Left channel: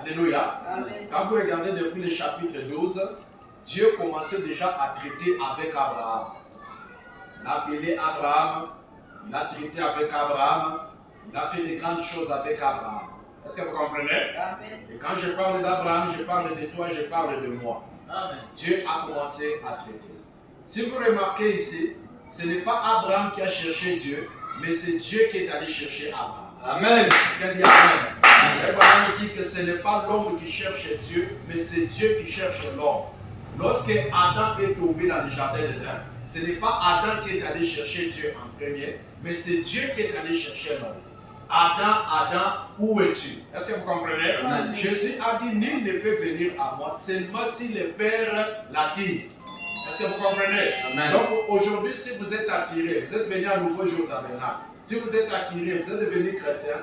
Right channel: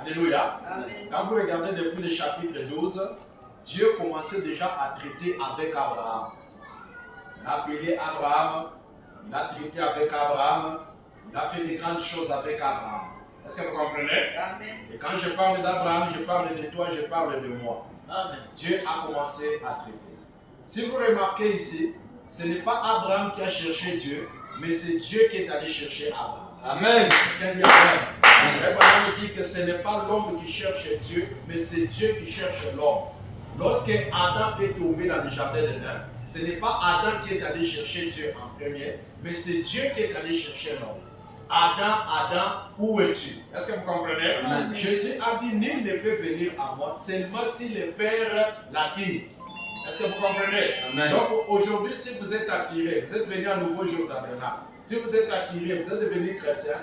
Alléluia. Amen. Quand vous regardez depuis le chapitre 12, Dieu commençait déjà à traiter avec Abraham. Il a appelé Abraham, il a traité avec Abraham, il a fait de grandes choses avec Abraham. Est-ce que vous comprenez? Amen. Et quand je parle d'Abraham, je parle de toi, je parle de moi. Amen. Dieu a commencé à traiter. Si vous remarquez ici, ce n'est pas Abraham qui a cherché Dieu, mais c'est Dieu qui est allé chercher Abraham. Amen. Quelqu'un dit Amen. Abraham dit que ce n'est pas l'homme qui cherche Dieu, mais c'est Dieu qui cherche l'homme. Lorsque Adam est tombé dans le jardin d'Éden, ce n'est pas Adam qui est allé chercher Dieu en premier, mais c'est Dieu qui est allé chercher l'homme. Adam, où es-tu? Est-ce que vous comprenez? Amen. Jésus a dit, nul ne peut venir à moi seulement si le Père l'attire. Est-ce que vous comprenez? Amen. Donc aujourd'hui, si vous êtes attiré, vous êtes venu à nouveau jour tabernacle. Si vous êtes attiré, vous êtes devenu chrétien,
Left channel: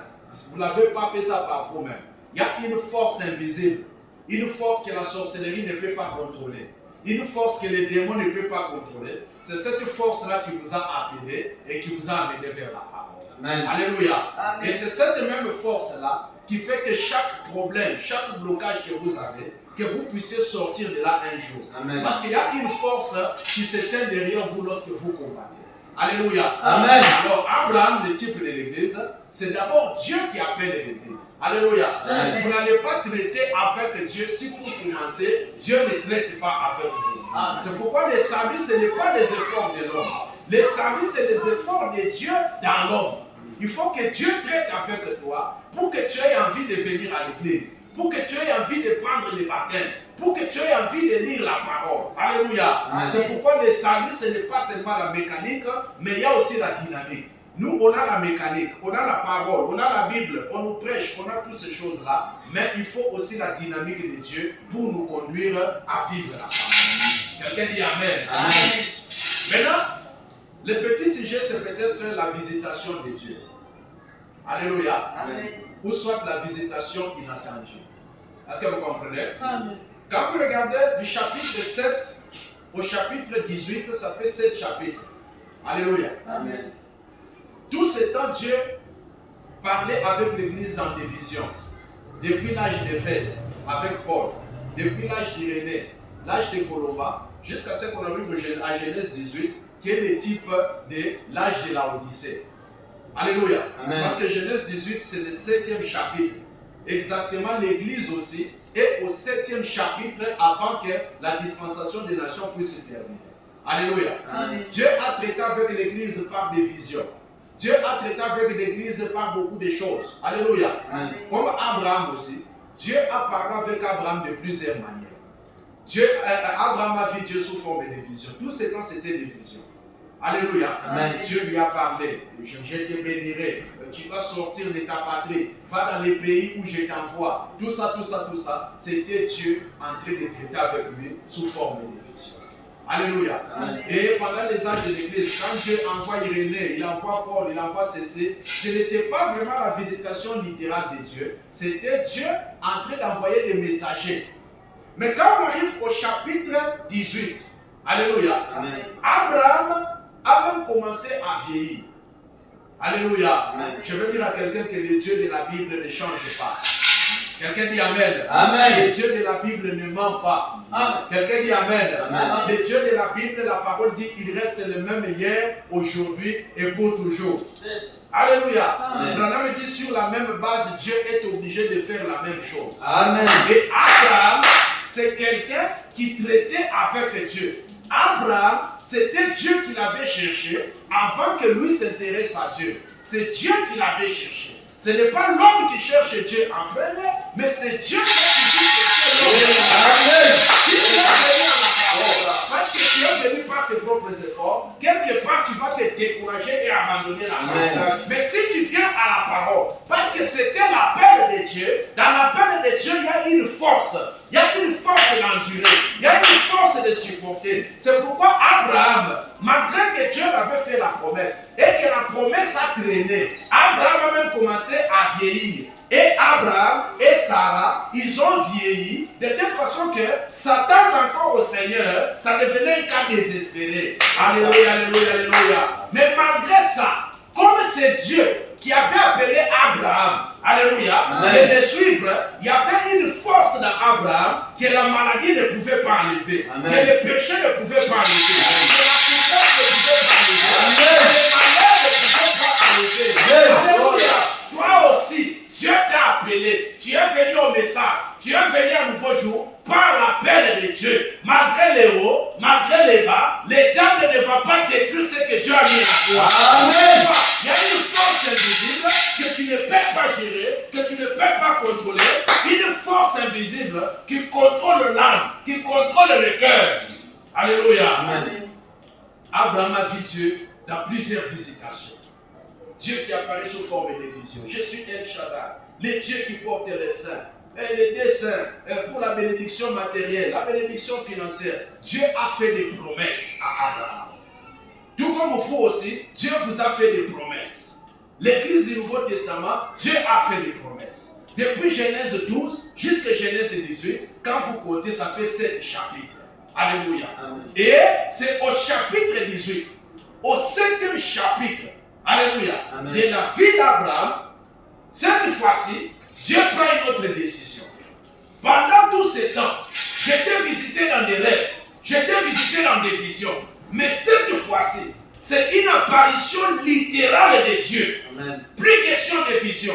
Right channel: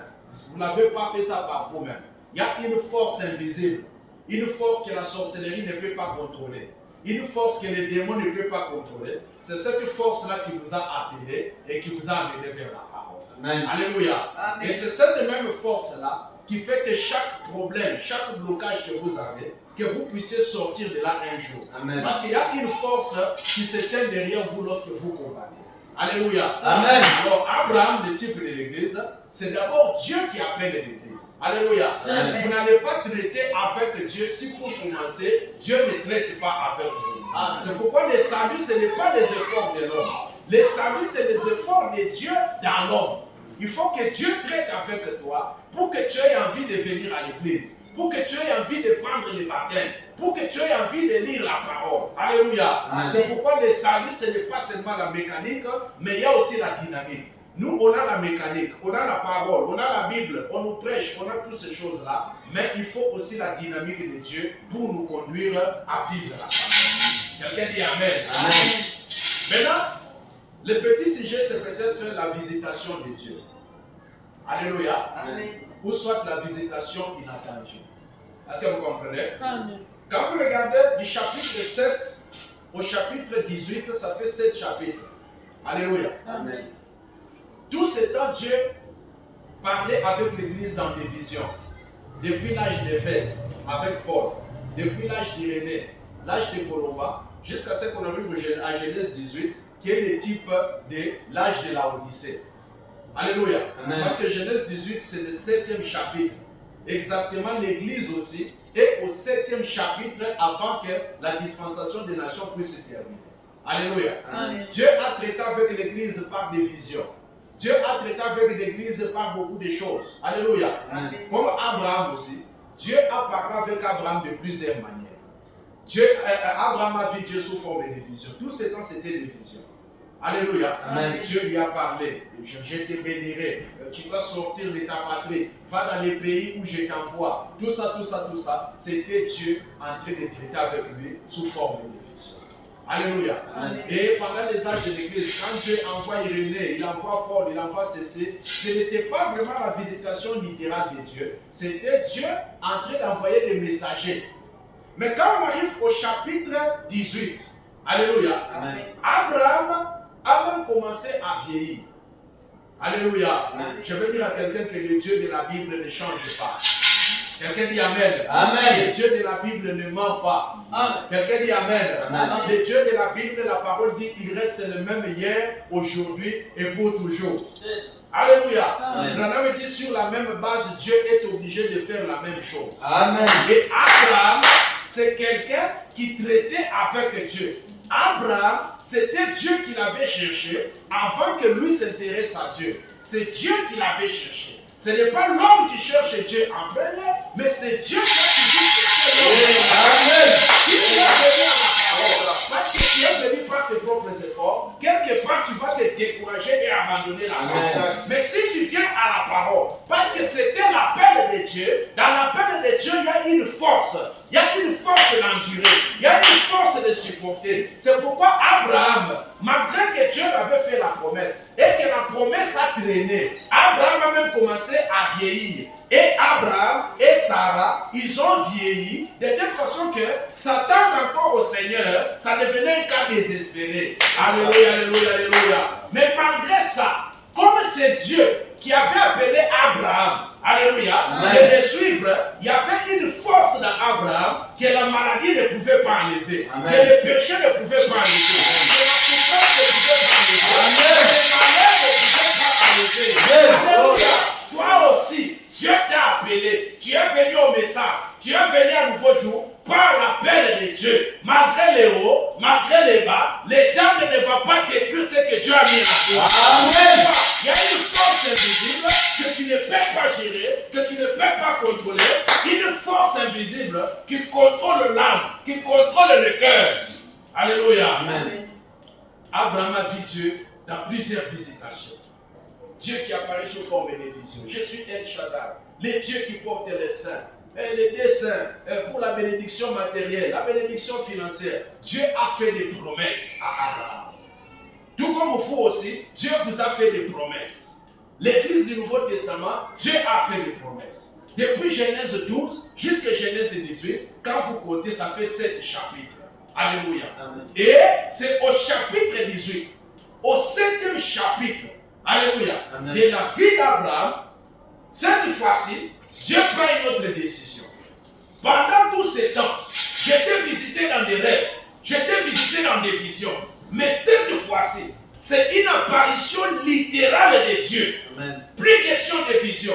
vous n'avez pas fait ça par vous-même. Il y a une force invisible, une force que la sorcellerie ne peut pas contrôler, une force que les démons ne peuvent pas contrôler. C'est cette force-là qui vous a appelé et qui vous a amené vers la parole. Amen. Alléluia. Amen. Et c'est cette même force-là qui fait que chaque problème, chaque blocage que vous avez, que vous puissiez sortir de là un jour. Amen. Parce qu'il y a une force qui se tient derrière vous lorsque vous combattez. Alléluia. Amen. Alors, Abraham, le type de l'église, c'est d'abord Dieu qui appelle l'église. Alléluia. Amen. Vous n'allez pas traiter avec Dieu si pour commencer, Dieu ne traite pas avec vous. Amen. C'est pourquoi le salut, ce n'est pas les efforts de l'homme. Le salut, c'est les efforts de Dieu dans l'homme. Il faut que Dieu traite avec toi pour que tu aies envie de venir à l'église, pour que tu aies envie de prendre le baptême, pour que tu aies envie de lire la parole. Alléluia. Amen. C'est pourquoi le salut, ce n'est pas seulement la mécanique, mais il y a aussi la dynamique. Nous, on a la mécanique, on a la parole, on a la Bible, on nous prêche, on a toutes ces choses-là, mais il faut aussi la dynamique de Dieu pour nous conduire à vivre la parole. Quelqu'un dit Amen. Amen. Maintenant, le petit sujet, c'est peut-être la visitation de Dieu. Alléluia. Amen. Ou soit la visitation inattendue. Est-ce que vous comprenez? Amen. Quand vous regardez du chapitre 7 au chapitre 18, ça fait 7 chapitres. Alléluia. Amen. Tout ce temps, Dieu parlait avec l'Église dans des visions. Depuis l'âge d'Éphèse, avec Paul. Depuis l'âge d'Irénée, l'âge de Colomba, jusqu'à ce qu'on arrive à Genèse 18, qui est le type de l'âge de la Odyssée. Alléluia. Amen. Parce que Genèse 18, c'est le 7e chapitre. Exactement, l'Église aussi est au 7e chapitre avant que la dispensation des nations puisse se terminer. Alléluia. Amen. Dieu a traité avec l'Église par des visions. Dieu a traité avec l'Église par beaucoup de choses. Alléluia. Amen. Comme Abraham aussi, Dieu a parlé avec Abraham de plusieurs manières. Abraham a vu Dieu sous forme de visions. Tous ces temps, c'était des visions. Alléluia. Amen. Dieu lui a parlé. Je te bénirai. Tu vas sortir de ta patrie. Va dans les pays où je t'envoie. Tout ça. C'était Dieu en train de traiter avec lui sous forme de visions. Alléluia. Amen. Et pendant les âges de l'Église, quand Dieu envoie Irénée, il envoie Paul, il envoie Cécile, ce n'était pas vraiment la visitation littérale de Dieu. C'était Dieu en train d'envoyer des messagers. Mais quand on arrive au chapitre 18, Alléluia, Amen. Abraham a même commencé à vieillir. Alléluia. Amen. Je veux dire à quelqu'un que le Dieu de la Bible ne change pas. Quelqu'un dit Amen. Amen. Le Dieu de la Bible ne ment pas. Amen. Quelqu'un dit Amen. Amen. Le Dieu de la Bible, la parole dit, il reste le même hier, aujourd'hui et pour toujours. Alléluia. Amen. Branham dit, sur la même base, Dieu est obligé de faire la même chose. Amen. Et Abraham, c'est quelqu'un qui traitait avec Dieu. Abraham, c'était Dieu qui l'avait cherché avant que lui s'intéresse à Dieu. C'est Dieu qui l'avait cherché. Ce n'est pas l'homme qui cherche Dieu en premier, mais c'est Dieu qui a toujours cherché l'homme. Amen. Si tu es venu à la parole, parce que tu es venu par tes propres efforts, quelque part tu vas te décourager et abandonner la parole. Amen. Mais si tu viens à la parole, parce que c'était l'appel de Dieu, dans l'appel de Dieu, il y a une force. Il y a une force d'endurer. Il y a une force de supporter. C'est pourquoi Abraham, malgré que Dieu avait fait la promesse et que la promesse a traîné, Abraham a même commencé à vieillir. Et Abraham et Sarah, ils ont vieilli de telle façon que s'attendre encore au Seigneur, ça devenait un cas désespéré. Alléluia, alléluia, alléluia. Mais malgré ça, comme c'est Dieu qui avait appelé Abraham, alléluia, de le suivre, il y avait une force dans Abraham que la maladie ne pouvait pas enlever, que le péché ne pouvait pas enlever, que la souffrance ne pouvait pas enlever, que le malheur ne pouvait pas enlever. Alléluia. Toi aussi, Dieu t'a appelé, tu es venu au message, tu es venu à un nouveau jour par l'appel de Dieu. Malgré les hauts, malgré les bas, le diable ne va pas détruire ce que Dieu a mis en toi. Il y a une force invisible que tu ne peux pas gérer, que tu ne peux pas contrôler. Une force invisible qui contrôle l'âme, qui contrôle le cœur. Alléluia. Amen. Abraham a vu Dieu dans plusieurs visitations. Dieu qui apparaît sous forme de vision. Je suis El Shaddai, le Dieu qui porte les saints. Et les desseins pour la bénédiction matérielle, la bénédiction financière. Dieu a fait des promesses à Abraham. Tout comme vous aussi, Dieu vous a fait des promesses. L'Église du Nouveau Testament, Dieu a fait des promesses. Depuis Genèse 12 jusqu'à Genèse 18, quand vous comptez, ça fait 7 chapitres. Alléluia. Amen. Et c'est au chapitre 18, au 7e chapitre, alléluia, amen, de la vie d'Abraham, cette fois-ci, Dieu prend une autre décision. Pendant tout ce temps, j'étais visité dans des rêves, j'étais visité dans des visions. Mais cette fois-ci, c'est une apparition littérale de Dieu. Amen. Plus question de vision,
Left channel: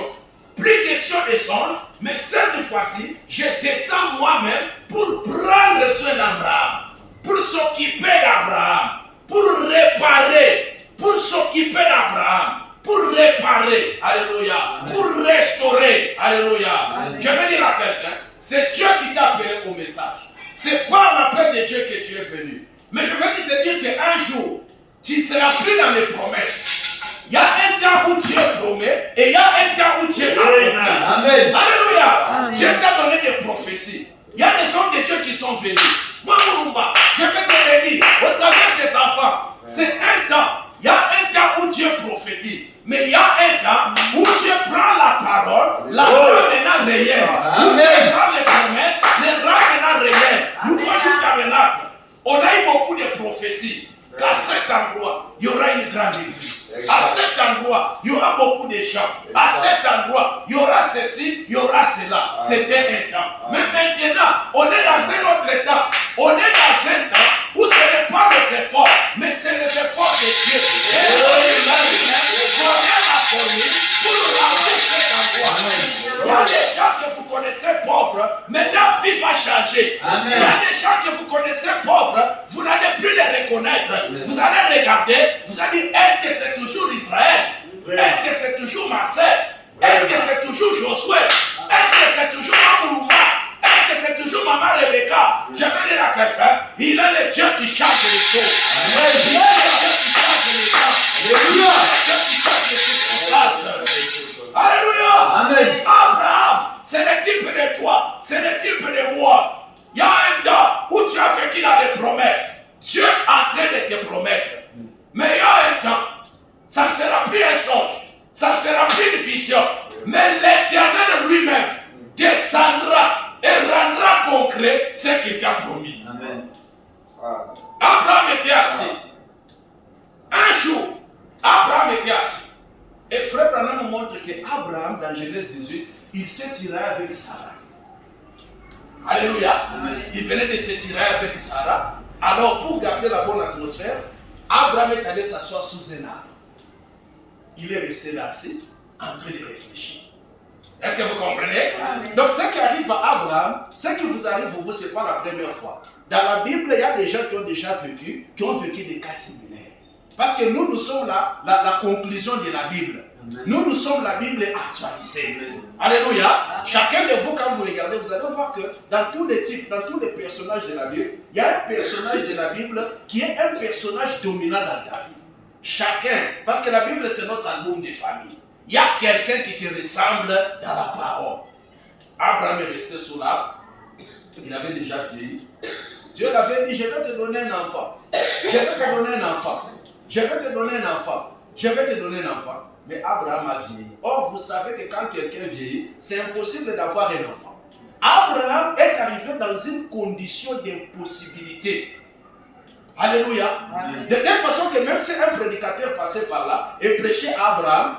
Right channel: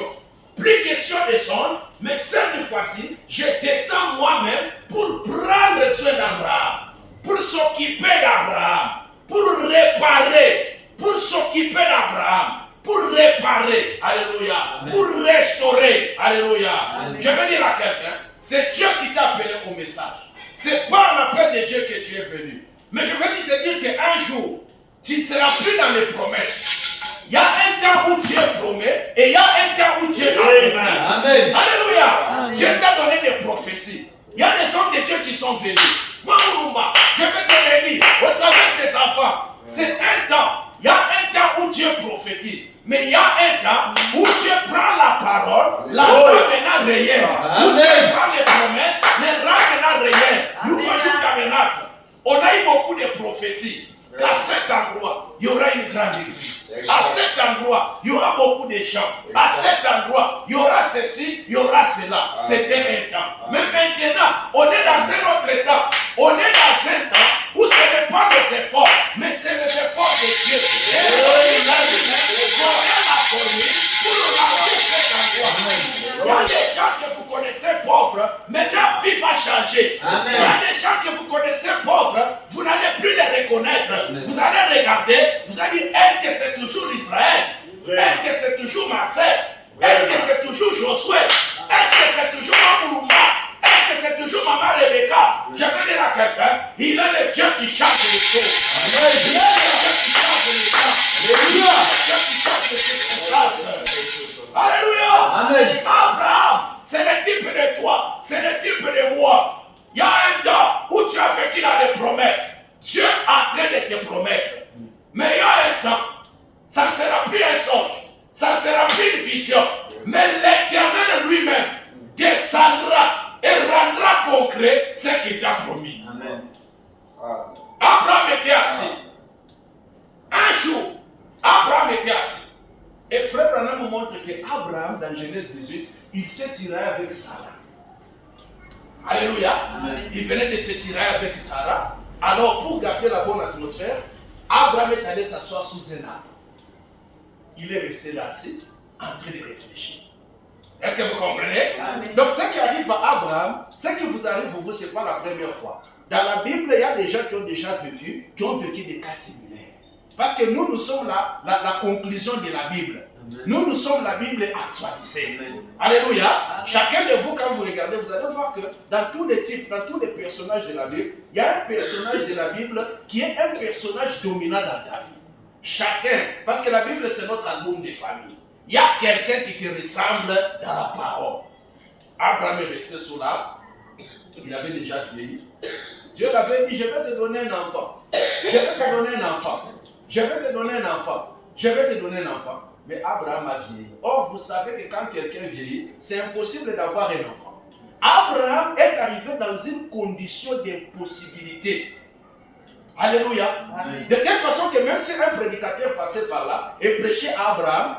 plus question de songe, mais cette fois-ci, je descends moi-même pour prendre soin d'Abraham, pour s'occuper d'Abraham, pour réparer, pour s'occuper d'Abraham, pour réparer, alléluia, amen, pour restaurer, alléluia. Amen. Je vais dire à quelqu'un, c'est Dieu qui t'a appelé au message. C'est pas l'appel de Dieu que tu es venu. Mais je veux te dire qu'un jour, tu ne seras plus dans les promesses. Il y a un temps où Dieu promet et il y a un temps où Dieu accomplit. Amen. Alléluia. Amen. Dieu t'a donné des prophéties. Il y a des hommes de Dieu qui sont venus. Moi, Mourumba, je vais te le dire, au travers de tes enfants, c'est un temps. Il y a un temps où Dieu prophétise. Mais il y a un temps où Dieu prend la parole, la rend maintenant réelle. Où Dieu prend les promesses, les rend maintenant réelles. Nous voyons tabernacle. On a eu beaucoup de prophéties. Qu'à cet endroit, il y aura une grande église. À cet endroit, il y aura beaucoup de gens. À cet endroit, il y aura ceci, il y aura cela. C'était un temps. Mais maintenant, on est dans un autre temps. On est dans un temps où ce n'est pas des efforts, mais c'est les efforts de Dieu. Et on a connu pour remplir cet endroit. Il y a des gens que vous connaissez pauvres, maintenant la vie va changer. Amen. Il y a des gens que vous connaissez pauvres, vous n'allez plus les reconnaître. Amen. Vous allez regarder, vous allez dire, est-ce que c'est toujours Israël? Est-ce que c'est toujours Marseille? Est-ce que c'est toujours Josué? Est-ce que c'est toujours Mamoulumba? Est-ce que c'est toujours Maman Rebecca? Je vais dire à quelqu'un, il est le Dieu qui change les choses. Amen. Il est le Dieu qui change les choses. Il est le Dieu qui change les circonstances. Alléluia. Amen. Abraham, c'est le type de toi, c'est le type de moi. Il y a un temps où tu as fait qu'il a des promesses. Dieu est en train de te promettre. Mais il y a un temps, ça ne sera plus un songe, ça ne sera plus une vision. Mais l'Éternel lui-même descendra et rendra concret ce qu'il t'a promis. Amen. Abraham était assis. Un jour, Abraham était assis. Et Frère Branham nous montre qu'Abraham, dans Genèse 18, il s'est tiré avec Sarah. Alléluia. Amen. Il venait de se tirer avec Sarah. Alors, pour garder la bonne atmosphère, Abraham est allé s'asseoir sous un arbre. Il est resté là assis, en train de réfléchir. Est-ce que vous comprenez? Amen. Donc, ce qui arrive à Abraham, ce qui vous arrive, vous, ce n'est pas la première fois. Dans la Bible, il y a des gens qui ont déjà vécu, des cas similaires. Parce que nous sommes la conclusion de la Bible. Amen. Nous sommes la Bible actualisée. Amen. Alléluia. Amen. Chacun de vous, quand vous regardez, vous allez voir que dans tous les types, dans tous les personnages de la Bible, il y a un personnage de la Bible qui est un personnage dominant dans ta vie. Chacun, parce que la Bible, c'est notre album de famille. Il y a quelqu'un qui te ressemble dans la parole. Abraham est resté sous l'arbre. Il avait déjà vieilli. Dieu l'avait dit, je vais te donner un enfant. Je vais te donner un enfant. Je vais te donner un enfant. Je vais te donner un enfant. Mais Abraham a vieilli. Or, vous savez que quand quelqu'un vieillit, c'est impossible d'avoir un enfant. Abraham est arrivé dans une condition d'impossibilité. Alléluia. Amen. De telle façon que même si un prédicateur passait par là et prêchait à Abraham,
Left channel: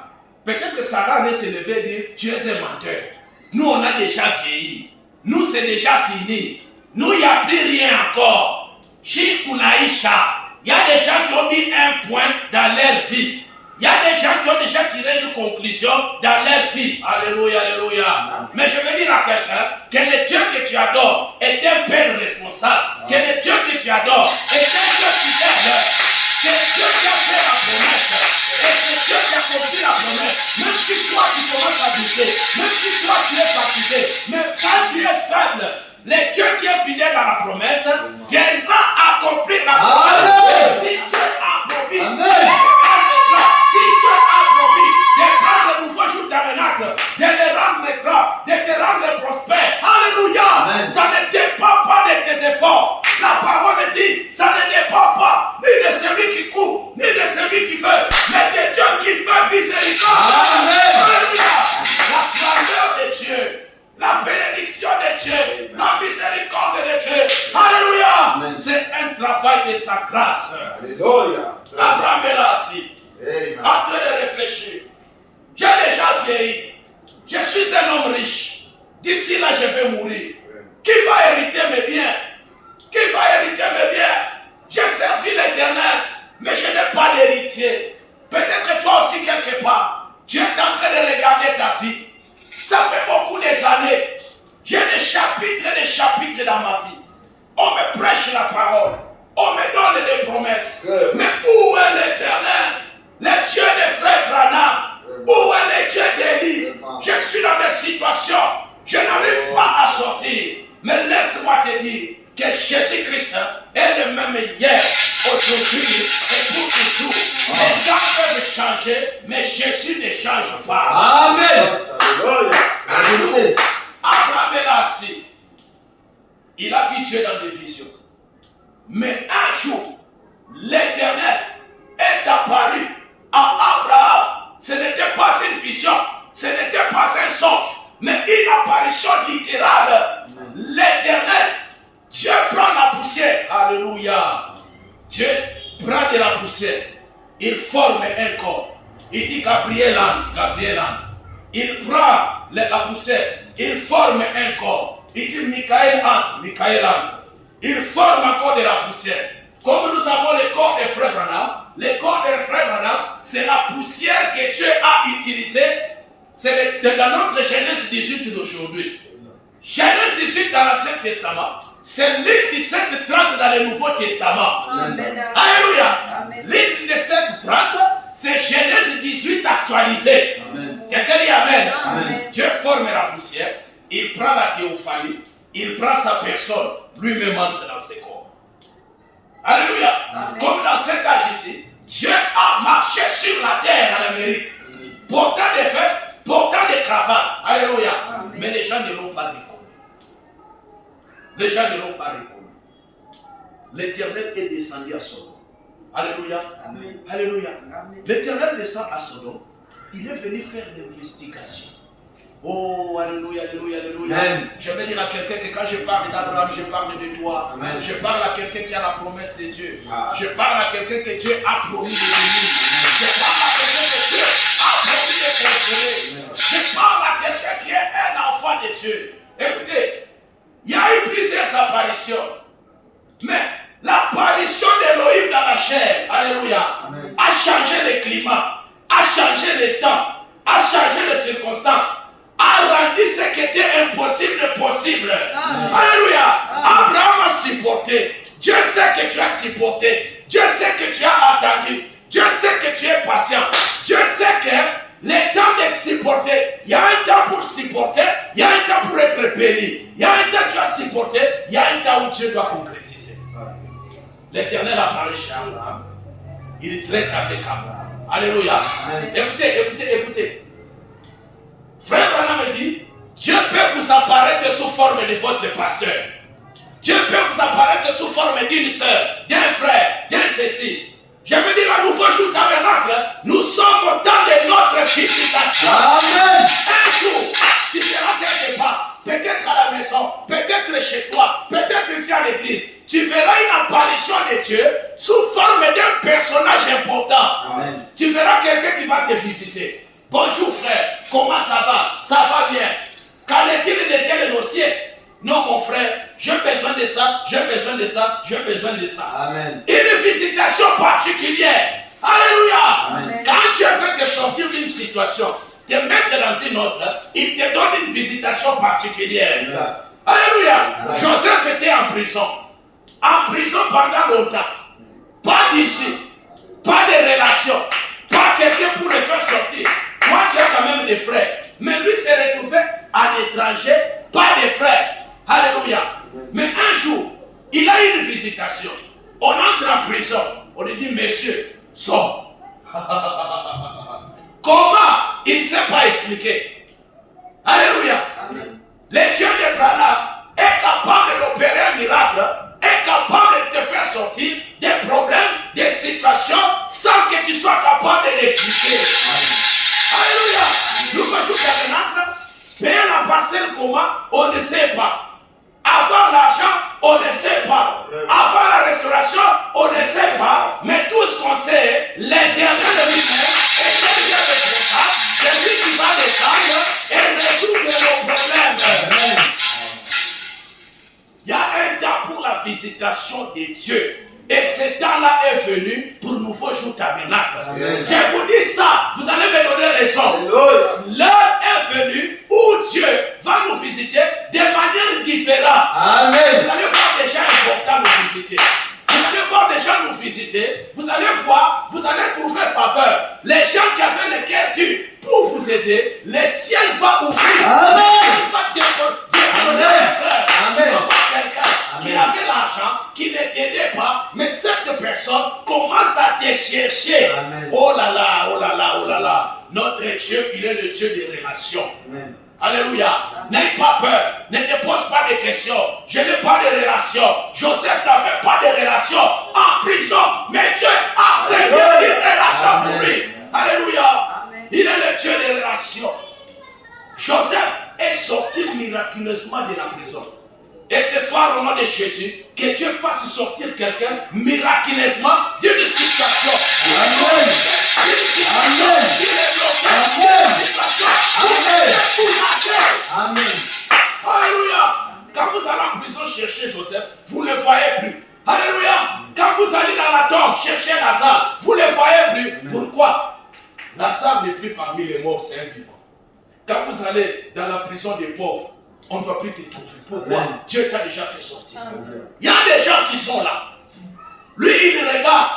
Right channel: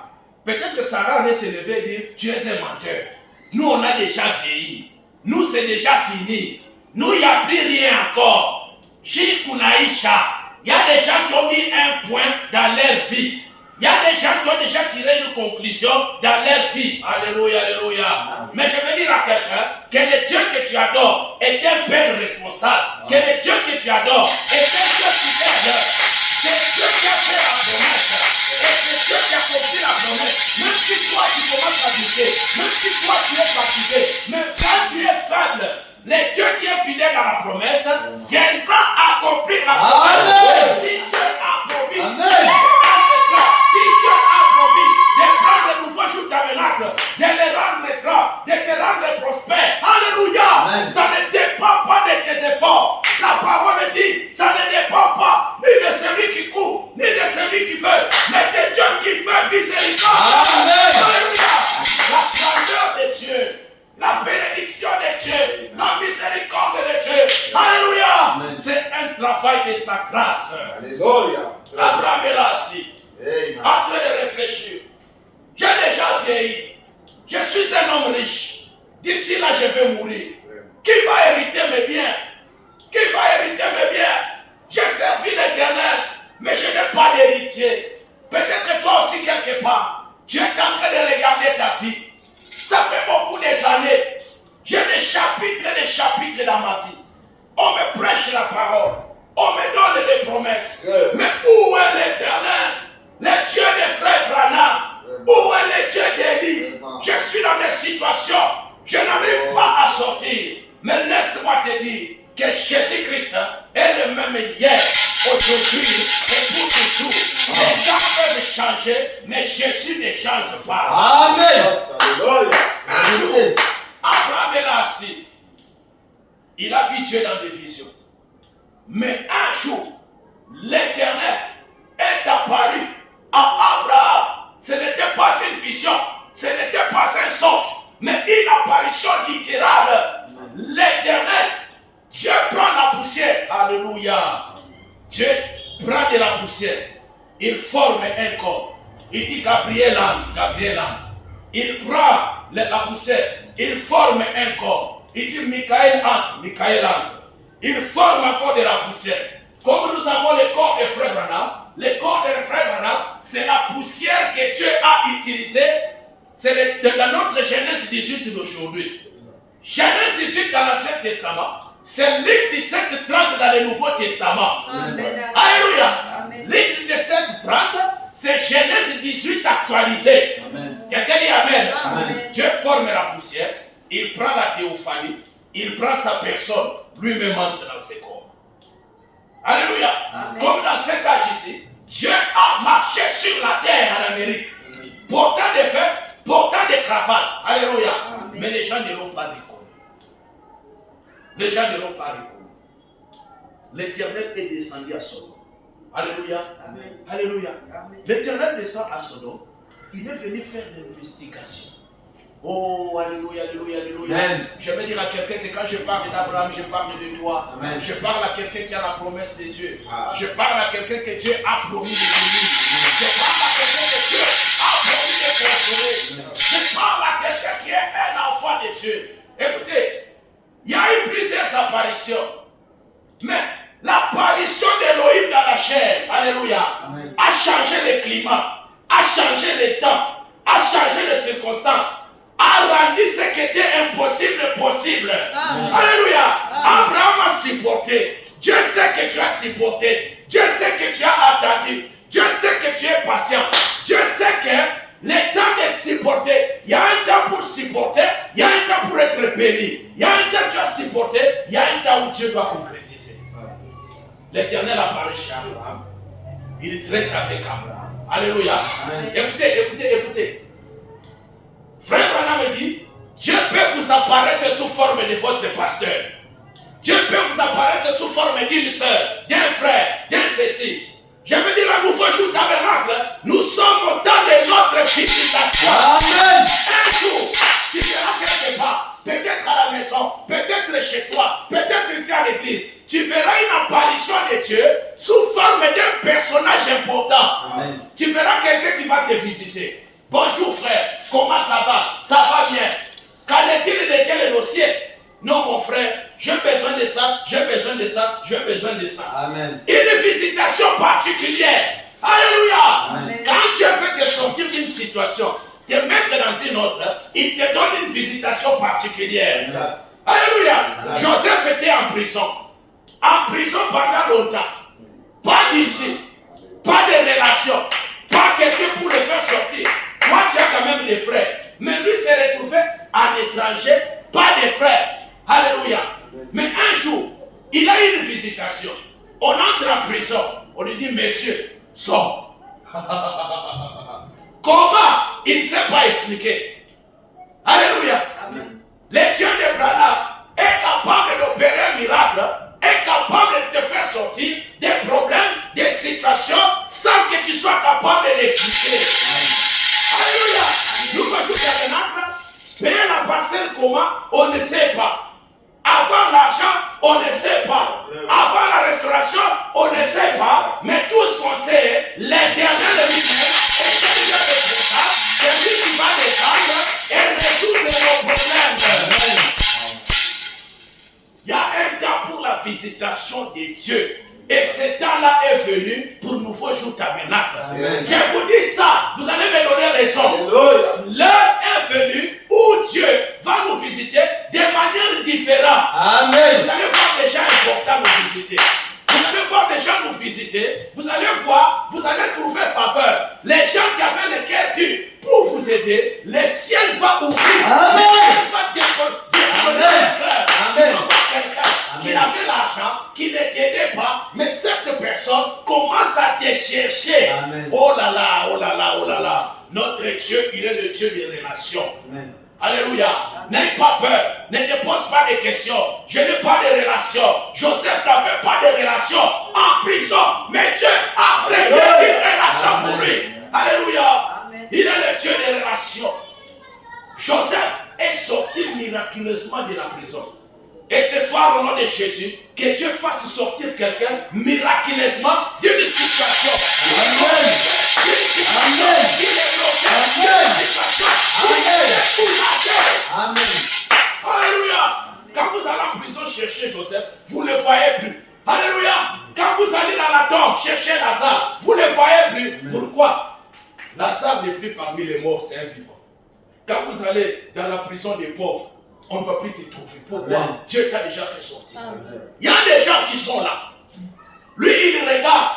Peut-être que Sarah allait se lever et dire, tu es un menteur. Nous, on a déjà vieilli. Nous, c'est déjà fini. Nous, il n'y a plus rien encore. Shikunaïcha. Il y a des gens qui ont mis un point dans leur vie. Il y a des gens qui ont déjà tiré une conclusion dans leur vie. Alléluia, alléluia. Mais je veux dire à quelqu'un que le Dieu que tu adores est un Père responsable. Que le Dieu que tu adores est un Dieu fidèle. C'est Dieu qui a fait la promesse. Et c'est Dieu qui a accompli la promesse. Même si toi tu commences à douter, même si toi tu es fatigué, mais quand tu es faible, le Dieu qui est fidèle à la promesse viendra accomplir la promesse. Si Dieu a promis, si Dieu a promis de prendre le nouveau jour tabernacle, de le rendre grand, de te rendre prospère, alléluia, ça ne dépend pas de tes efforts. La parole dit, ça ne dépend pas ni de celui qui court, ni de celui qui veut, mais de Dieu qui fait miséricorde. Alléluia. La grandeur de Dieu, la bénédiction de Dieu, la miséricorde de Dieu, alléluia, c'est un travail de sa grâce. Alléluia. Abraham est là assis, en train de réfléchir. J'ai déjà vieilli, je suis un homme riche, d'ici là je vais mourir. Qui va hériter mes biens? Qui va hériter mes biens? J'ai servi l'Éternel, mais je n'ai pas d'héritier. Peut-être que toi aussi quelque part, tu es en train de regarder ta vie. Ça fait beaucoup des années. J'ai des chapitres dans ma vie. On me prêche la parole. On me donne des promesses. Mais où est l'Éternel? Le Dieu des frères Branham. Où est le Dieu d'Élie? Je suis dans des situations. Je n'arrive pas à sortir. Mais laisse-moi te dire que Jésus-Christ est le même hier, aujourd'hui et pour toujours. Les gens peuvent changer, mais Jésus ne change pas. Amen. Un jour, Abraham est là assis. Il a vu Dieu dans des visions. Mais un jour, l'Éternel est apparu à Abraham. Ce n'était pas une vision, ce n'était pas un songe, mais une apparition littérale. L'Éternel, Dieu prend la poussière. Alléluia. Dieu prend de la poussière. Il forme un corps. Il dit Gabriel entre. Il prend la poussière. Il forme un corps. Il dit Michael entre. Il forme encore de la poussière. Comme nous avons le corps des frères Branham, le corps des frères Branham, c'est la poussière que Dieu a utilisée. C'est dans notre Genèse 18 d'aujourd'hui. Genèse 18 dans l'Ancien Testament, c'est Luc 17, 30 dans le Nouveau Testament. Amen. Alléluia. Luc 17, 30, c'est Genèse 18 actualisé. Quelqu'un dit Amen. Amen. Dieu forme la poussière, il prend la théophanie, il prend sa personne, lui-même entre dans ses corps. Alléluia. Amen. Comme dans cet âge ici, Dieu a marché sur la terre en Amérique, portant des vestes, portant des cravates. Alléluia. Amen. Mais les gens ne l'ont pas reconnu. Les gens ne l'ont pas reconnu. L'Éternel est descendu à Sodome. Alléluia. Amen. Alléluia. L'Éternel descend à Sodome. Il est venu faire l'investigation. Oh, alléluia, alléluia, alléluia. Amen. Je vais dire à quelqu'un que quand je parle d'Abraham, je parle de toi. Amen. Je parle à quelqu'un qui a la promesse de Dieu. Je parle à quelqu'un que Dieu a promis de bénir. Je parle à quelqu'un que Dieu a promis de consoler. Je parle à quelqu'un qui est un enfant de Dieu. Écoutez, il y a eu plusieurs apparitions. Mais l'apparition d'Élohim dans la chair, alléluia, amen, a changé le climat, a changé le temps, a changé les circonstances, a rendu ce qui était impossible possible. Amen. Alléluia. Amen. Abraham a supporté. Dieu sait que tu as supporté. Dieu sait que tu as attendu. Dieu sait que tu es patient. Dieu sait que le temps de supporter, il y a un temps pour supporter, il y a un temps pour être béni. Il y a un temps où tu as supporté, il y a un temps où Dieu doit concrétiser. L'Éternel apparaît chez Abraham. Il traite avec Abraham. Alléluia. Amen. Écoutez. Frère Branham me dit, Dieu peut vous apparaître sous forme de votre pasteur. Dieu peut vous apparaître sous forme d'une soeur, d'un frère, d'un ceci. Je veux dire à nouveau jour tabernacle, nous sommes dans les autres visitations. Amen. Un jour, tu seras quelque part, peut-être à la maison, peut-être chez toi, peut-être ici à l'église. Tu verras une apparition de Dieu sous forme d'un personnage important. Amen. Tu verras quelqu'un qui va te visiter. Bonjour frère, comment ça va? Ça va bien. Qu'en est-il de tel dossier? Non mon frère, j'ai besoin de ça, j'ai besoin de ça, j'ai besoin de ça. Amen. Une visitation particulière. Alléluia. Amen. Quand Dieu veut te sortir d'une situation, te mettre dans une autre, il te donne une visitation particulière. Amen. Alléluia. Amen. Joseph était en prison. En prison pendant longtemps. Pas d'ici. Pas de relation. Pas quelqu'un pour le faire sortir. Toi, tu as quand même des frères. Mais lui s'est retrouvé en étranger. Pas de frères. Alléluia. Mais un jour, il a eu une visitation. On entre en prison. On lui dit, monsieur, sors. Comment? Il ne sait pas expliquer. Alléluia. Amen. Le Dieu d'Abraham est capable d'opérer un miracle, est capable de te faire sortir des problèmes, des situations, sans que tu sois capable de l'expliquer. Alléluia. Nous voyons maintenant, payer la parcelle comment? On ne sait pas. Avoir l'argent, on ne sait pas. Avoir la restauration, on ne sait pas. Mais tout ce qu'on sait, l'Éternel lui-même est un Dieu responsable. C'est lui qui va descendre et résoudre nos problèmes. Il y a un temps pour la visitation de Dieu. Et ce temps-là est venu pour nouveau jour tabernacle. Je vous dis ça, vous allez me donner raison. L'heure est venue où Dieu va nous visiter de manière différente. Amen. Vous allez voir des gens importants nous visiter. Vous allez voir des gens nous visiter. Vous allez voir, vous allez trouver faveur. Les gens qui avaient le cœur dur pour vous aider, le ciel va ouvrir. Amen. Le ciel va décoller les cœurs. Tu vas voir quelqu'un qui avait l'argent, qui ne t'aidait pas, mais cette personne commence à te chercher. Amen. Oh là là, oh là là, oh là là. Notre Dieu, il est le Dieu des relations. Amen. Alléluia. N'aie pas peur. Ne te pose pas de questions. Je n'ai pas de relation. Joseph n'avait pas de relation en prison. Mais Dieu a prévu une relation pour lui. Alléluia. Amen. Il est le Dieu des relations. Joseph est sorti miraculeusement de la prison. Et ce soir, au nom de Jésus, que Dieu fasse sortir quelqu'un miraculeusement d'une situation. Amen. D'une situation. Amen. Il est bloqué. Amen. D'une situation. Il est pour la terre. Amen. Alléluia. Quand vous allez en prison chercher Joseph, vous ne le voyez plus. Alléluia. Quand vous allez dans la tombe chercher Lazare, vous ne le voyez plus. Pourquoi? Lazare n'est plus parmi les morts, c'est un vivant. Quand vous allez dans la prison des pauvres, on ne va plus te trouver. Pourquoi? Amen. Dieu t'a déjà fait sortir. Amen. Il y a des gens qui sont là. Lui, il regarde.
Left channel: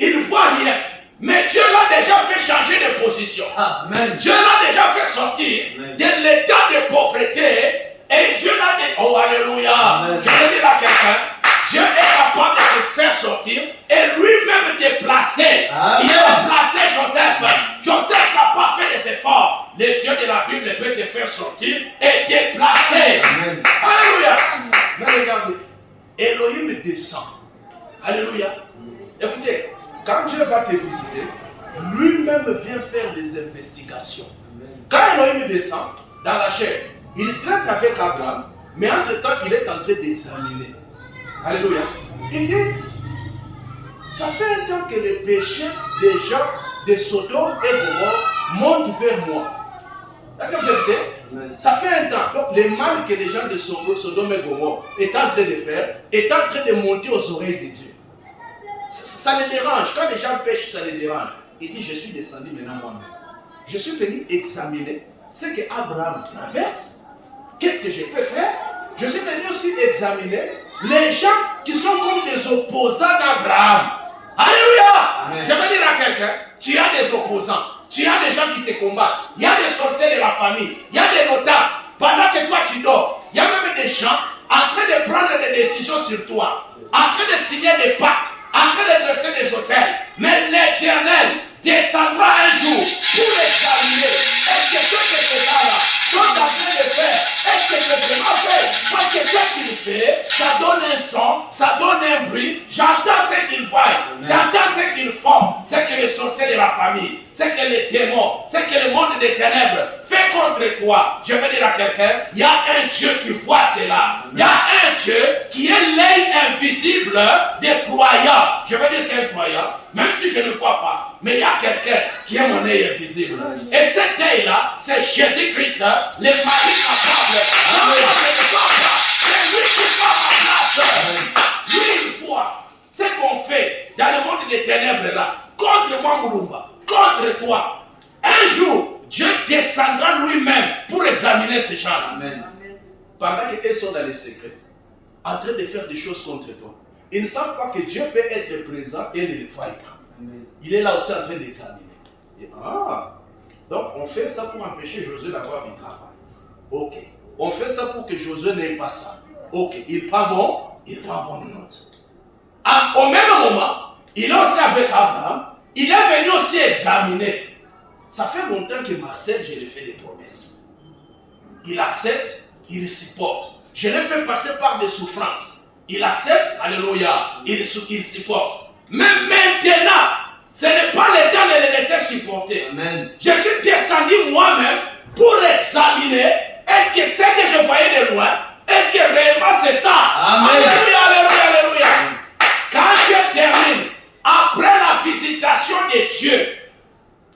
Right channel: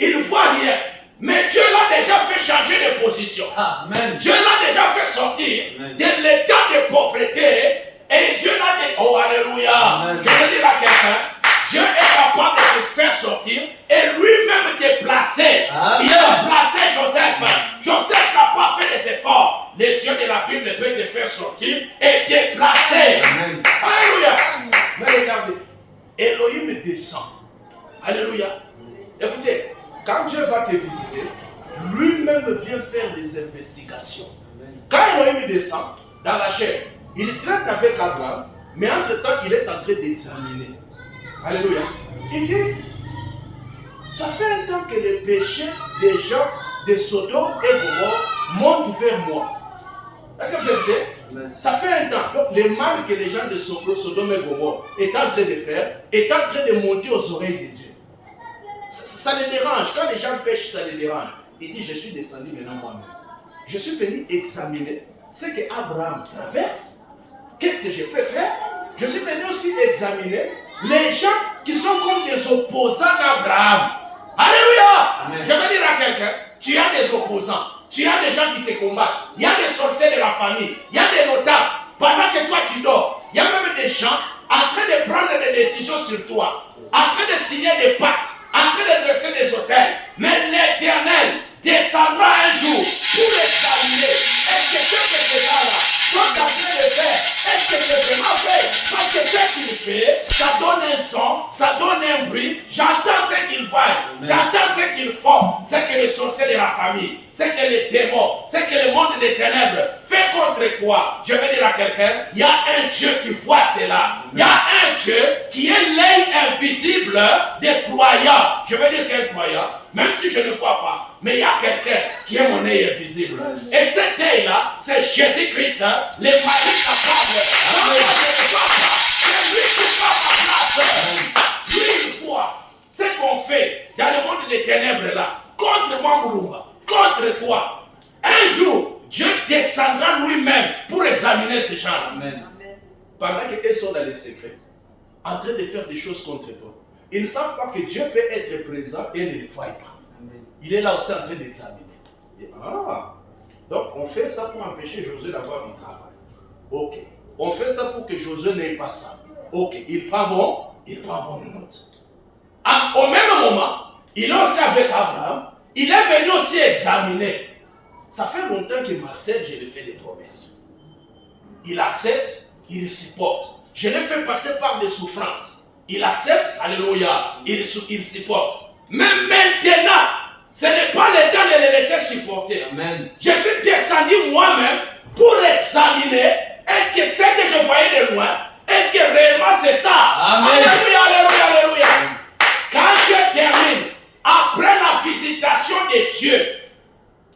Il ne voit rien. Mais Dieu l'a déjà fait changer de position. Amen. Dieu l'a déjà fait sortir Amen. de l'état de pauvreté. Et Dieu l'a dit, oh alléluia. Amen. Je veux dire à quelqu'un, Dieu est capable de te faire sortir et lui-même te placer. Amen. Il a placé Joseph. Joseph n'a pas fait des efforts. Le Dieu de la Bible peut te faire sortir et te placer. Amen. Alléluia. Mais regardez, Elohim descend. Alléluia. Écoutez, quand Dieu va te visiter, lui-même vient faire des investigations. Quand Elohim descend dans la chair, il traite avec Abraham, mais entre-temps, il est en train d'examiner. Alléluia. Il dit, ça fait un temps que les péchés des gens de Sodome et Gomorrhe montent vers moi. Est-ce que vous êtes bien? Amen. Ça fait un temps. Donc, le mal que les gens de Sodome et Gomorrhe est en train de faire est en train de monter aux oreilles de Dieu. Ça les dérange. Quand les gens pêchent, ça les dérange. Il dit, je suis descendu maintenant moi-même. Je suis venu examiner ce que Abraham traverse. Qu'est-ce que je peux faire? Je suis venu aussi examiner les gens qui sont comme des opposants d'Abraham. Alléluia. Amen. Je veux dire à quelqu'un, tu as des opposants. Tu as des gens qui te combattent. Il y a des sorciers de la famille. Il y a des notables. Pendant que toi tu dors, il y a même des gens en train de prendre des décisions sur toi. En train de signer des pactes. En train de dresser des hôtels. Mais l'Éternel descendra un jour pour l'examiner. Est-ce que ce que ces gens-là sont en train de faire, est-ce que c'est vraiment fait? Parce que ce qu'il fait, ça donne un son, ça donne un bruit. J'entends ce qu'ils voient, j'entends ce qu'ils font. C'est que les sorciers de la famille, c'est que les démons, c'est que le monde des ténèbres fait contre toi. Je vais dire à quelqu'un, il y a un Dieu qui voit cela. Il y a un Dieu qui est l'œil invisible des croyants. Je vais dire qu'un croyant, même si je ne vois pas, mais il y a quelqu'un qui est mon œil invisible. Et cet œil-là, c'est Jésus-Christ, le mari capable. Non, moi je ne vois pas, c'est lui qui voit ma place. Lui, il voit ce qu'on fait dans le monde des ténèbres là, contre moi, Murumba, contre toi. Un jour, Dieu descendra lui-même pour examiner ces gens-là. Amen. Pendant qu'ils sont dans les secrets, en train de faire des choses contre toi, ils ne savent pas que Dieu peut être présent et ne le voit pas. Amen. Il est là aussi en train d'examiner. Donc on fait ça pour empêcher Josué d'avoir du travail. Ok. On fait ça pour que Josué n'ait pas ça. Ok. Il prend bonne note. Au même moment, il est aussi avec Abraham. Il est venu aussi examiner. Ça fait longtemps que Marcel, je lui fais des promesses. Il accepte, il supporte. Je l'ai fait passer par des souffrances. Il accepte, alléluia, il supporte. Mais maintenant, ce n'est pas le temps de le laisser supporter. Amen. Je suis descendu moi-même pour examiner, est-ce que ce que je voyais de loin, est-ce que réellement c'est ça? Amen. Alléluia, alléluia, alléluia. Quand je termine, après la visitation de Dieu,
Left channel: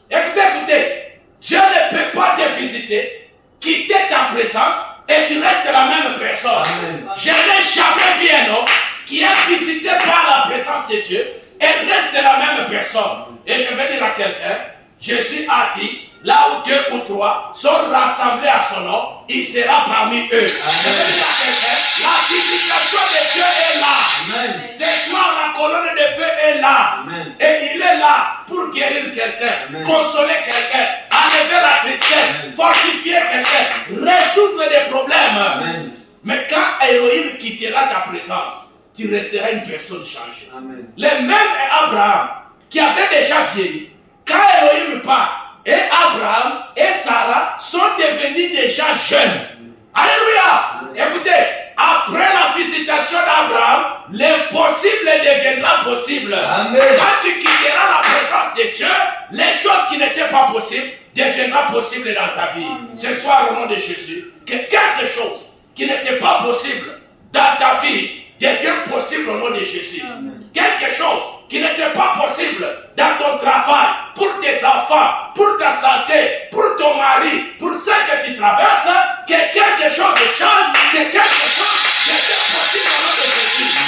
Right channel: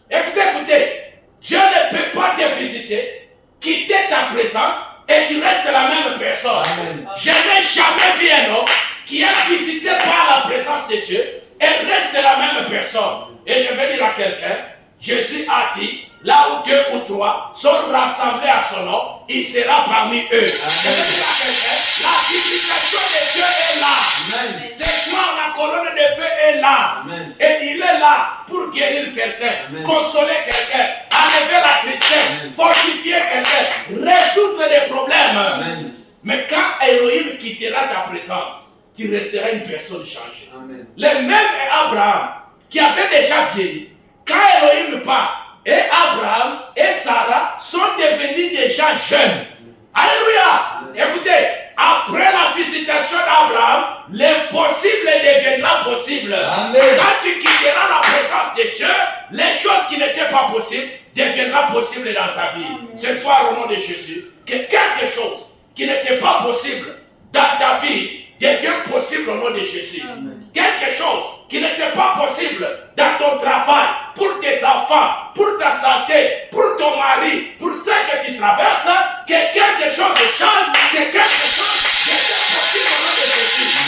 écoutez, Dieu ne peut pas te visiter, quitter ta présence et tu restes la même personne. Amen. Je n'ai jamais vu un homme qui est visité par la présence de Dieu et reste la même personne. Et je vais dire à quelqu'un, Jésus a dit, là où 2 ou 3 sont rassemblés à son nom, il sera parmi eux. Amen. Je vais dire à quelqu'un, la visitation de Dieu est là. Amen. Ce soir, la colonne de feu est là. Amen. Et il est là pour guérir quelqu'un, consoler quelqu'un, enlever la tristesse, fortifier quelqu'un, résoudre des problèmes. Amen. Mais quand Elohim quittera ta présence, tu resteras une personne changée. Amen. Le même Abraham, qui avait déjà vieilli, quand Elohim part, et Abraham et Sarah sont devenus déjà jeunes. Alléluia. Écoutez, après la visitation d'Abraham, l'impossible deviendra possible. Amen. Quand tu quitteras la présence de Dieu, les choses qui n'étaient pas possibles deviendront possibles dans ta vie. Ce soir, au nom de Jésus, que quelque chose qui n'était pas possible dans ta vie devient possible au nom de Jésus. Amen. Quelque chose qui n'était pas possible dans ton travail, pour tes enfants, pour ta santé, pour ton mari, pour ce que tu traverses, que quelque chose change, que quelque chose devient possible au nom de Jésus.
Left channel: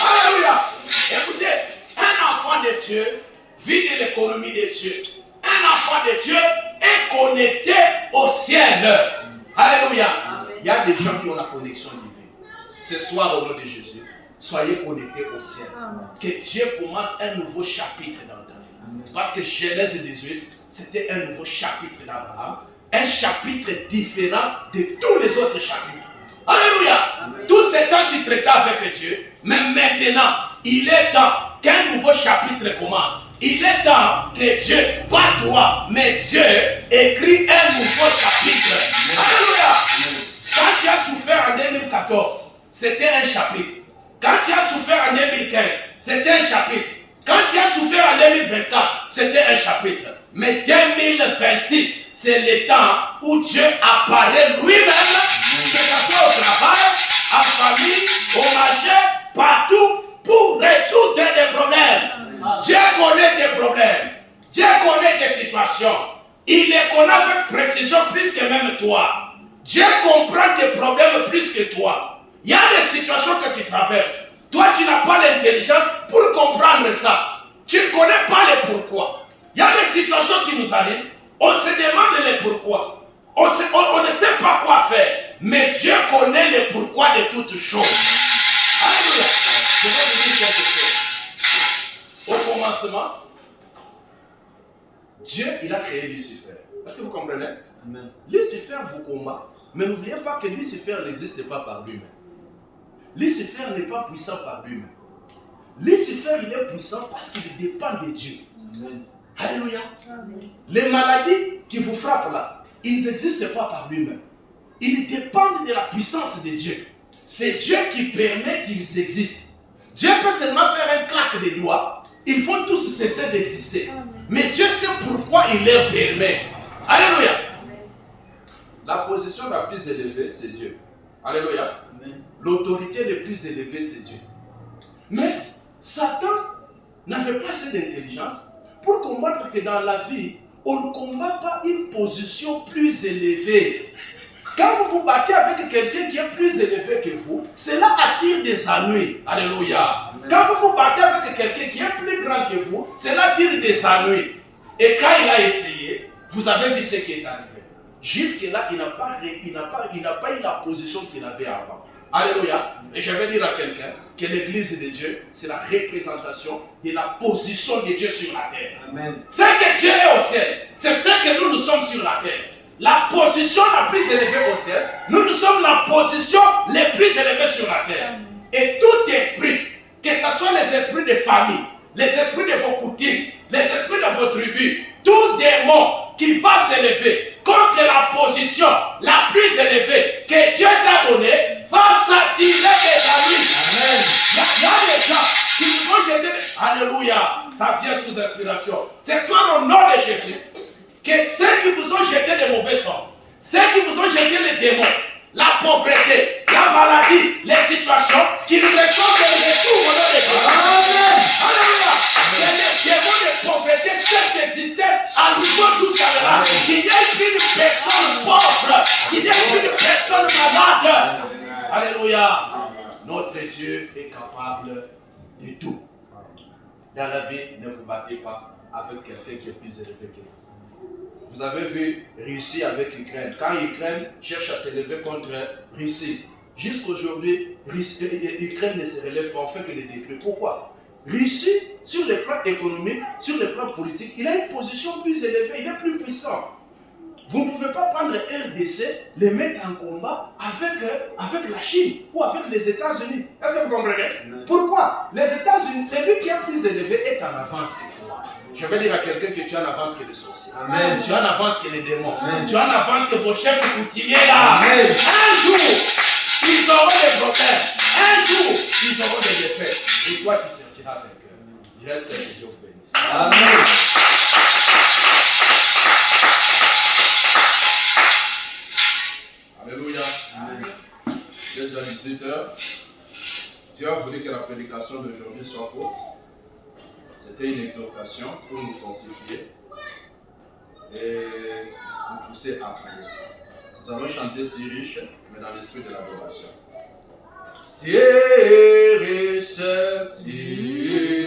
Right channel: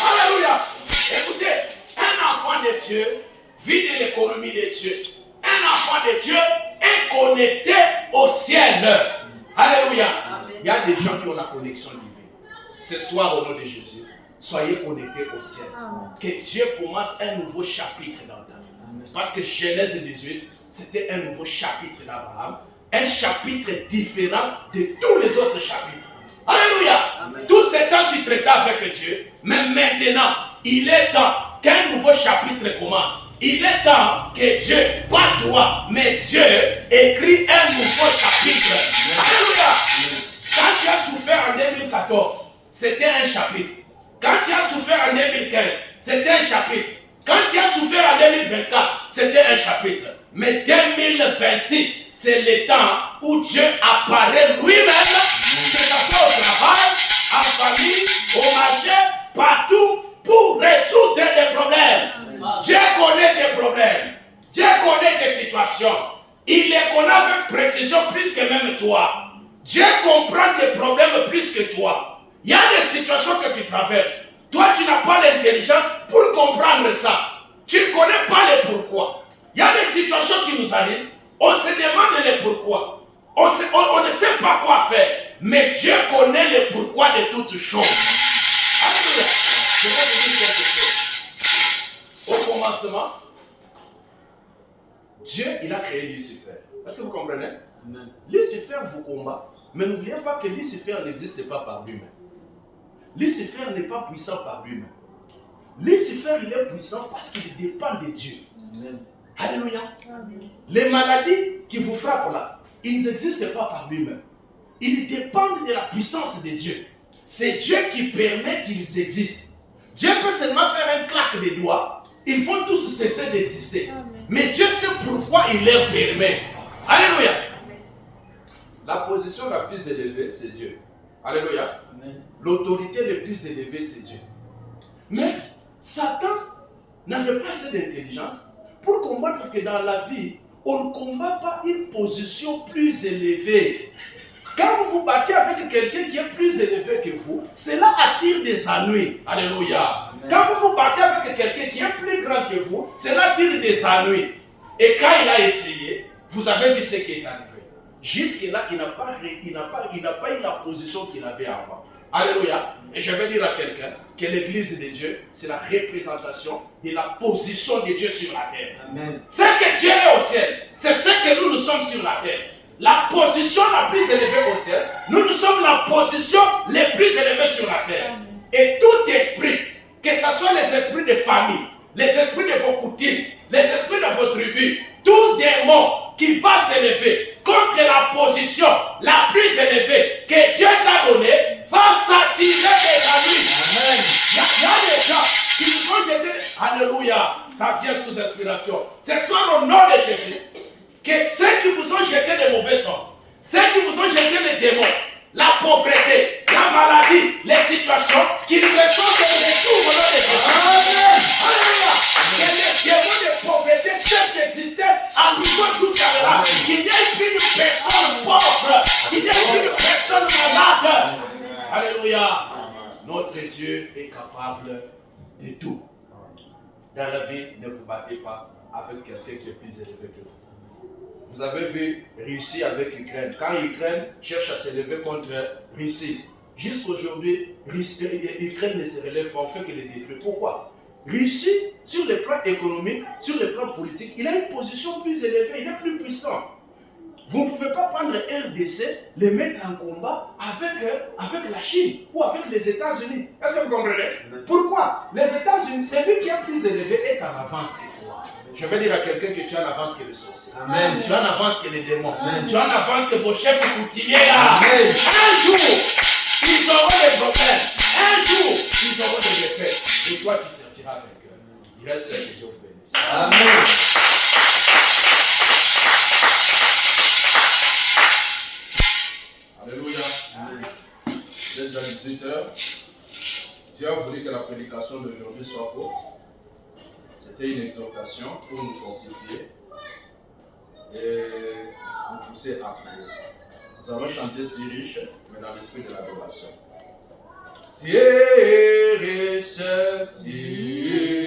Amen. Alléluia. Écoutez, un enfant de Dieu vit de l'économie de Dieu. Un enfant de Dieu est connecté au ciel. Alléluia. Amen. Il y a des gens qui ont la connexion divine. Ce soir, au nom de Jésus, soyez connectés au ciel. Amen. Que Dieu commence un nouveau chapitre dans ta vie. Amen. Parce que Genèse 18, c'était un nouveau chapitre d'Abraham. Un chapitre différent de tous les autres chapitres. Alléluia. Amen. Tout ce temps tu traitais avec Dieu. Mais maintenant, il est temps qu'un nouveau chapitre commence. Il est temps que Dieu, pas toi, mais Dieu, écrit un nouveau chapitre. Amen. Alléluia. Amen. Quand tu as souffert en 2014, c'était un chapitre. Quand tu as souffert en 2015, c'était un chapitre. Quand tu as souffert en 2024, c'était un chapitre. Mais 2026, c'est le temps où Dieu apparaît lui-même, que ce soit au travail, en famille, au marché, partout, pour résoudre des problèmes. Dieu connaît tes problèmes. Dieu connaît tes situations. Il les connaît avec précision plus que même toi. Dieu comprend tes problèmes plus que toi. Il y a des situations que tu traverses. Toi, tu n'as pas l'intelligence pour comprendre ça. Tu ne connais pas les pourquoi. Il y a des situations qui nous arrivent. On se demande les pourquoi. On ne sait pas quoi faire. Mais Dieu connaît les pourquoi de toutes choses. Alléluia. Je vais vous dire quelque chose. Au commencement, Dieu, il a créé Lucifer. Est-ce que vous comprenez? Amen. Lucifer vous combat. Mais n'oubliez pas que Lucifer n'existe pas par lui-même. Lucifer n'est pas puissant par lui-même. Lucifer, il est puissant parce qu'il dépend de Dieu. Amen. Alléluia. Amen. Les maladies qui vous frappent là, ils n'existent pas par lui-même. ils dépendent de la puissance de Dieu. C'est Dieu qui permet qu'ils existent. Dieu peut seulement faire un claque des doigts. Ils vont tous cesser d'exister. Mais Dieu sait pourquoi il leur permet. Alléluia. La position la plus élevée, c'est Dieu. Alléluia. L'autorité la plus élevée, c'est Dieu. Mais Satan n'avait pas assez d'intelligence pour combattre que dans la vie, on ne combat pas une position plus élevée. Quand vous vous battez avec quelqu'un qui est plus élevé que vous, cela attire des ennuis. Alléluia. Amen. Quand vous vous battez avec quelqu'un qui est plus grand que vous, cela attire des ennuis. Et quand il a essayé, vous avez vu ce qui est arrivé. Jusque-là, il n'a pas eu la position qu'il avait avant. Alléluia. Et je vais dire à quelqu'un que l'église de Dieu, c'est la représentation de la position de Dieu sur la terre. Amen. Ce que Dieu est au ciel, c'est ce que nous sommes sur la terre. La position la plus élevée au ciel, nous sommes la position la plus élevée sur la terre. Et tout esprit, que ce soit les esprits de famille, les esprits de vos coutumes, les esprits de vos tribus, tout démon qui va s'élever contre la position la plus élevée que Dieu t'a donnée, va s'attirer des amis. Amen. Il y a des gens qui nous ont jeté. Alléluia. Ça vient sous inspiration. Ce soir, au nom de Jésus, que ceux qui vous ont jeté des mauvais sorts, ceux qui vous ont jeté les démons, la pauvreté, la maladie, les situations, qui nous ressortent de retour au nom de Jésus. Alléluia. Que les démons de pauvreté cessent d'exister à niveau tout à l'heure. Qu'il n'y ait plus de personne pauvre, qu'il n'y ait plus de personne malade. Alléluia. Notre Dieu est capable de tout. Dans la vie, ne vous battez pas avec quelqu'un qui est plus élevé que vous. Vous avez vu Russie avec Ukraine. Quand Ukraine cherche à s'élever contre Russie, jusqu'aujourd'hui, Ukraine ne se relève pas, on fait que les détruire. Pourquoi? Russie, sur le plan économique, sur le plan politique, il a une position plus élevée, il est plus puissant. Vous ne pouvez pas prendre RDC, les mettre en combat avec la Chine ou avec les États-Unis. Est-ce que vous comprenez? Pourquoi? Les États-Unis, celui qui est plus élevé est en avance que toi. Je vais dire à quelqu'un que tu es en avance que les sorciers. Amen. Tu es en avance que les démons. Amen. Tu es en avance que vos chefs coutumiers là. Amen. Un jour, ils auront des problèmes. Un jour, ils auront des défaites. Et toi, tu sortiras vainqueur. Il reste que Dieu vous bénisse. Amen. Alléluia. Amen. Déjà 18h. Dieu a voulu que la prédication d'aujourd'hui soit courte. C'était une exhortation pour nous fortifier et nous pousser à prier. Nous allons chanter si riche, mais dans l'esprit de l'adoration. Si riche, si